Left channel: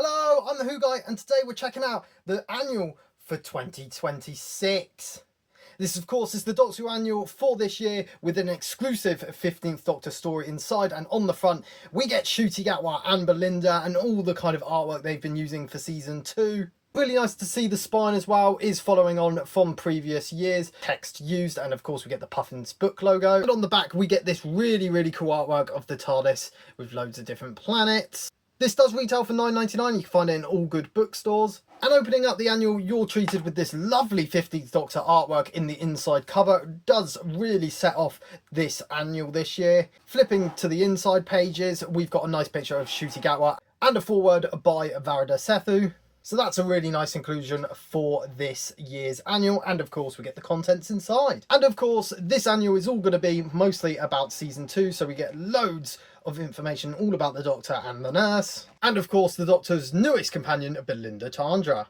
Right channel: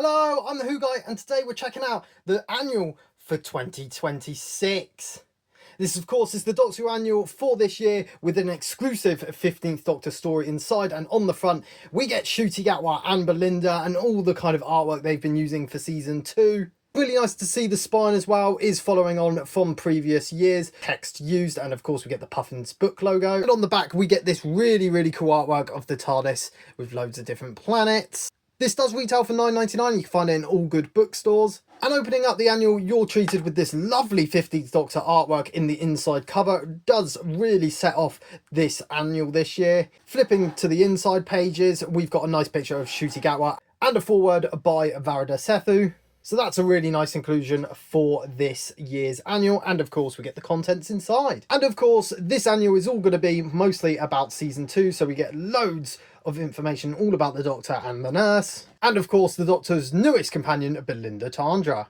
Hello, I'm the Who Guy, and today we're checking out the annual for 2026. This, of course, is the Doctor Who annual for this year with an exclusive 15th Doctor story inside, and on the front we get Ncuti Gatwa and Belinda and all the kind of artwork they've been using for season 2. Really nice to see the spine as well is following on from previous years. Text used, and of course we get the Puffins book logo. And on the back we get this really cool artwork of the TARDIS with loads of different planets. This does retail for £9.99, you can find it in all good bookstores. And opening up the annual, you're treated with this lovely 15th Doctor artwork in the inside cover. It does really set off this annual this year. Flipping to the inside pages, we've got a nice picture of Ncuti Gatwa and a foreword by Varada Sethu. So that's a really nice inclusion for this year's annual, and of course we get the contents inside. And of course this annual is all going to be mostly about season 2, so we get loads of information all about the Doctor and the nurse, and of course the Doctor's newest companion, Belinda Tandra.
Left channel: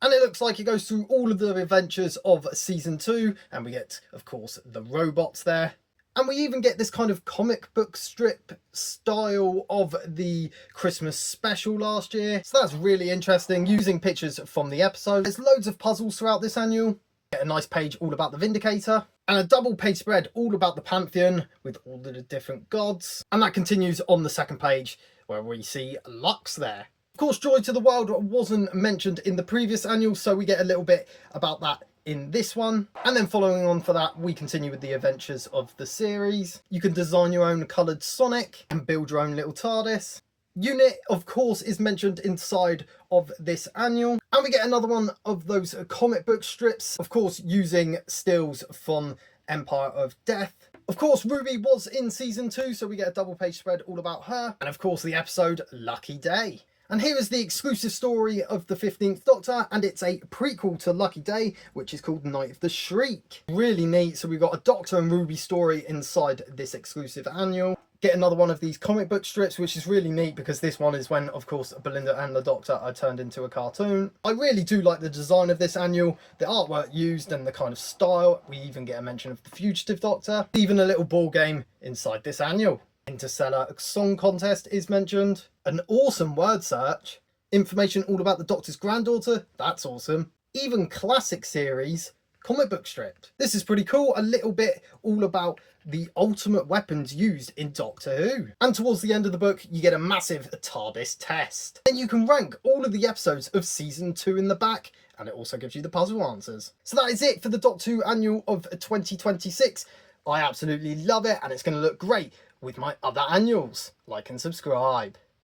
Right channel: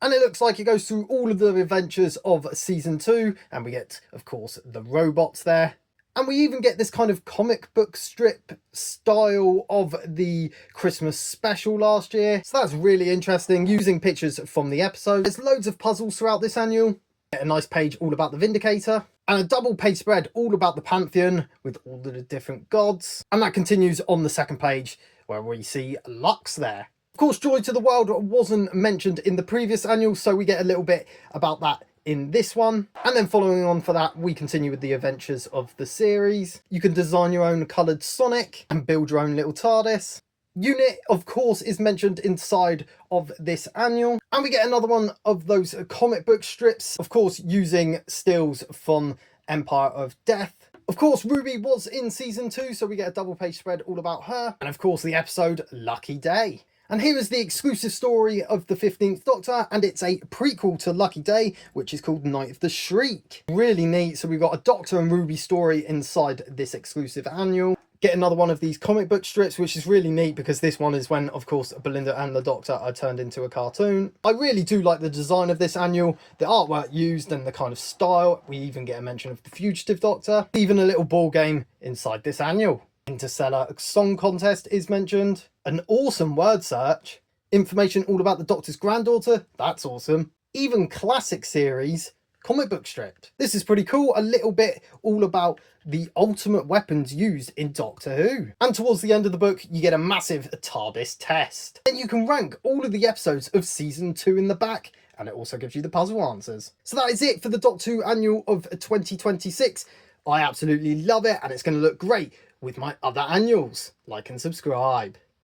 And it looks like it goes through all of the adventures of season 2, and we get, of course, the robots there. And we even get this kind of comic book strip style of the Christmas special last year. So that's really interesting, using pictures from the episode. There's loads of puzzles throughout this annual. Get a nice page all about the Vindicator. And a double page spread all about the Pantheon with all the different gods. And that continues on the second page where we see Lux there. Of course, Joy to the World wasn't mentioned in the previous annual, so we get a little bit about that in this one. And then following on for that, we continue with the adventures of the series. You can design your own coloured Sonic and build your own little TARDIS. Unit, of course, is mentioned inside of this annual. And we get another one of those comic book strips, of course, using stills from Empire of Death. Of course, Ruby was in season 2, so we get a double page spread all about her. And of course, the episode Lucky Day. And here is the exclusive story of the 15th Doctor, and it's a prequel to Lucky Day, which is called Night of the Shriek. Really neat. So we've got a Doctor and Ruby story inside this exclusive annual. Get another one of these comic book strips, which is really neat because this one is when, of course, Belinda and the Doctor are turned into a cartoon. I really do like the design of this annual, the artwork used and the kind of style. We even get a mention of the Fugitive Doctor, even a little ball game inside this annual. Interstellar Song Contest is mentioned, an awesome word search, information all about the Doctor's granddaughter, that's awesome, even classic series, comic book strip. This is pretty cool, a little bit all about the ultimate weapons used in Doctor Who. And towards the end of the book, you get a massive TARDIS test. Then you can rank all of the episodes of season 2 in the back, and it also gives you the puzzle answers. So that is it for the Doctor Who annual of 2026. I absolutely love it, and it's going to look great with my other annuals. Like and subscribe.